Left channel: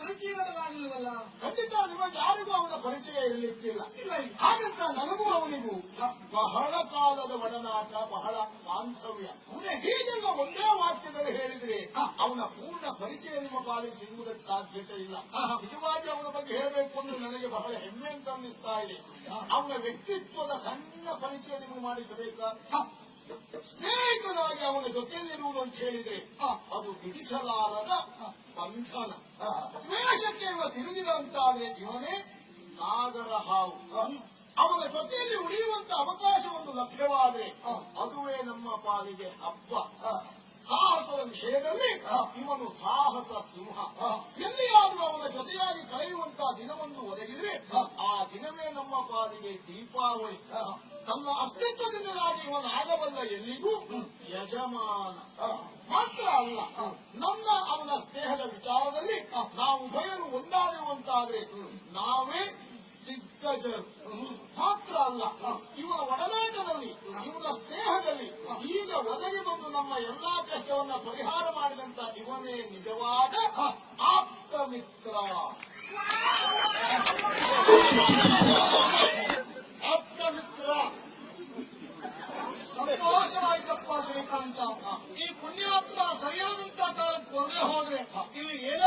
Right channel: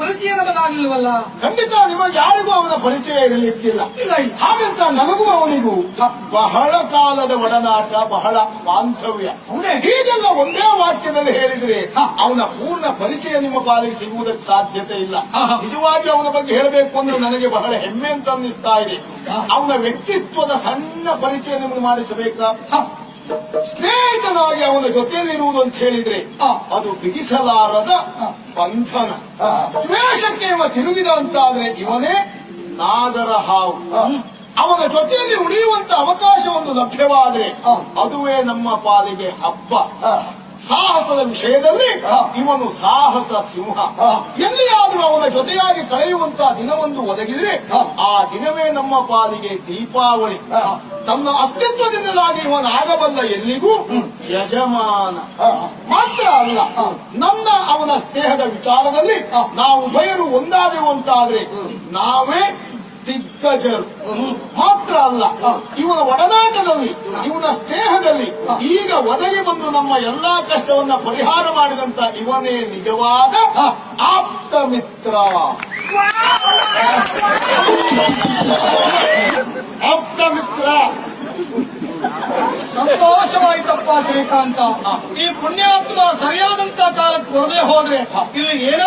ಪರಿಚಯ ನಮಗಾಗಲಿಲ್ವಲ್ಲ? ಖಂಡಿತ ನಿಮಗೆ ಯಾರಿಗೂ ಅವನ ಪರಿಚಯ ಇರಲಿಕ್ಕಿಲ್ಲ. ಇಲ್ಲ ಇಲ್ಲ. ಹಾಗಂತ ನನಗೂ ಅವನಿಗೂ ಬಹಳ ಕಾಲದ ಒಡನಾಟ, ಬಹಳ ಬಾಂಧವ್ಯ. ಹೌದೇ? ಹೀಗೆಲ್ಲ ಒಂದೇ ವಾಕ್ಯದಲ್ಲಿ ಹೇಳಿದ್ರೆ ಅವನ ಪೂರ್ಣ ಪರಿಚಯ ನಿಮ್ಮ ಪಾಲಿಗೆ ಸಿಗುವುದಕ್ಕೆ ಸಾಧ್ಯತೆ ಇಲ್ಲ. ನಿಜವಾಗಿ ಅವನ ಬಗ್ಗೆ ಹೇಳಬೇಕು ಅಂದ್ರೆ ನನಗೆ ಬಹಳ ಹೆಮ್ಮೆ ಅಂತ ಅನ್ನಿಸ್ತಾ ಇದೆ. ಅವನ ವ್ಯಕ್ತಿತ್ವದ ಸಣ್ಣ ಪರಿಚಯ ನಿಮಗೆ ಮಾಡಿಸಬೇಕಾ? ಸ್ನೇಹಿತನಾಗಿ ಅವನ ಜೊತೆಯಲ್ಲಿರುವುದು ಅಂತ ಹೇಳಿದ್ರೆ ಅದು ಬಿಡಿಸಲಾರದ ಬಂಧನ. ದ್ವೇಷಕ್ಕೆ ಇವ ತಿರುಗಿದ ಅಂತಾದ್ರೆ ಇವನೇ ನಾಗರ ಹಾವು. ಅವನ ಜೊತೆಯಲ್ಲಿ ಉಳಿಯುವಂತ ಅವಕಾಶ ಒಂದು ಲಭ್ಯವಾದ್ರೆ ಅದುವೇ ನಮ್ಮ ಪಾಲಿಗೆ ಹಬ್ಬ. ಸಾಹಸದ ವಿಷಯದಲ್ಲಿ ಇವನು ಸಾಹಸ ಸಿಂಹ. ಎಲ್ಲಿಯಾದ್ರೂ ಅವನ ಜೊತೆಯಾಗಿ ಕಳೆಯುವಂತಹ ದಿನವೊಂದು ಒದಗಿದ್ರೆ ಆ ದಿನವೇ ನಮ್ಮ ಪಾಲಿಗೆ ದೀಪಾವಳಿ. ತನ್ನ ಅಸ್ತಿತ್ವದಿಂದಲಾಗಿ ಇವನಾಗಬಲ್ಲ ಎಲ್ಲಿಗೂ ಯಜಮಾನ. ಮಾತ್ರ ಅಲ್ಲ, ನನ್ನ ಅವನ ಸ್ನೇಹದ ವಿಚಾರದಲ್ಲಿ ನಾವು ಉಭಯರು ಒಂದಾದೆವು ಅಂತಾದ್ರೆ ನಾವೇ ದಿಗ್ಗಜರು. ಮಾತ್ರ ಅಲ್ಲ, ಇವನ ಒಡನಾಟದಲ್ಲಿ, ಇವನ ಸ್ನೇಹದಲ್ಲಿ ಈಗ ಒದಗಿ ಬಂದು ನಮ್ಮ ಎಲ್ಲಾ ಕಷ್ಟವನ್ನ ಪರಿಹಾರ ಮಾಡಿದಂತ ಇವನೇ ನಿಜವಾದ ಆಪ್ತ ಮಿತ್ರ. ಆಪ್ತ ಮಿತ್ರ. ಸಂತೋಷವಾಯ್ತಪ್ಪ ಶ್ರೀಕಾಂತ. ಈ ಪುಣ್ಯಾತ್ಮ ಸರಿಯಾದಂತ ಕಾಲಕ್ಕೆ ಬರದೇ ಹೋದ್ರೆ ಇಲ್ಲಿ ಏನೋ